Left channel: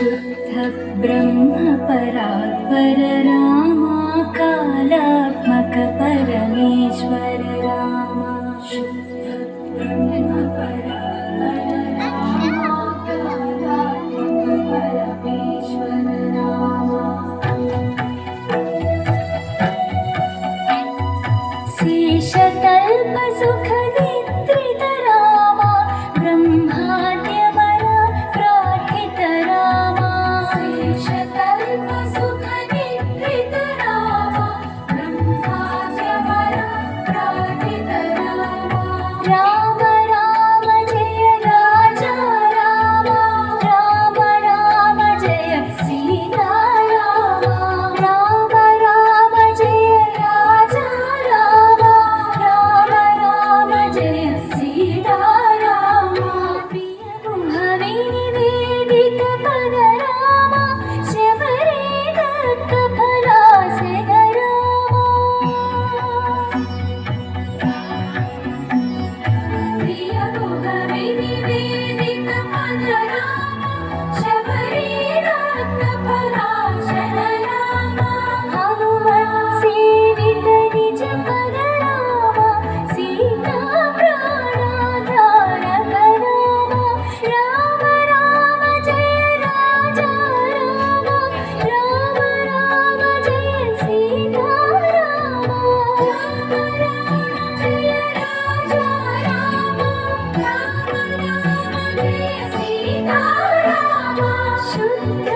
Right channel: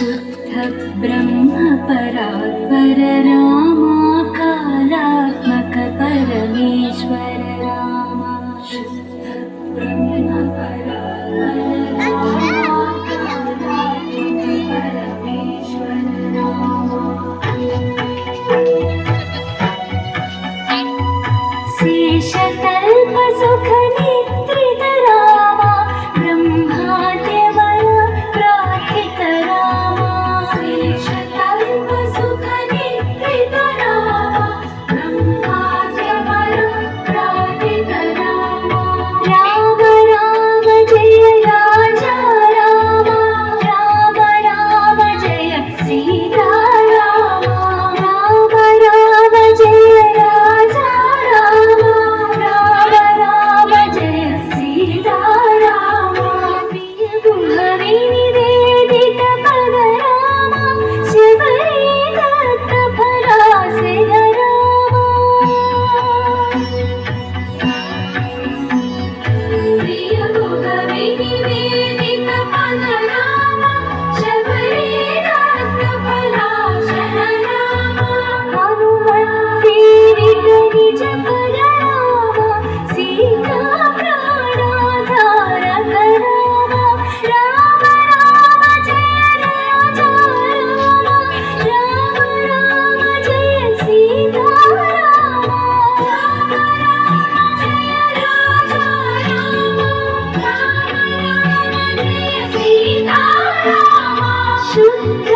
शुद्ध ब्रह्म परात्पर रामा कालात्मक परमेश्वर रामा शुद्ध ब्रह्म परात्पर रामा कालात्मक परमेश्वर रामा शेषतल्प सुख निद्रित रामा ब्रह्माद्यवर प्रार्थित रामा शेषतल्प सुख निद्रित रामा ब्रह्माद्यवर प्रार्थित रामा राम राम जय राजा रामा राम राम जय सीता रामा राम राम जय राजा रामा राम राम जय सीता रामा प्रिय गुहवे निवेदित पद रामा शबरी दत्त फलासिध रामा प्रिय गुहवे निवेदित पद रामा शबरी दत्त फलासिध रामा हनुमत् सेवित निज पर रामा सीता प्राणाधारक रामा राम राम जय राजा रामा राम राम जय सीता रामा राम राम जय राजा रामा राम राम जय सीता रामा शुद्ध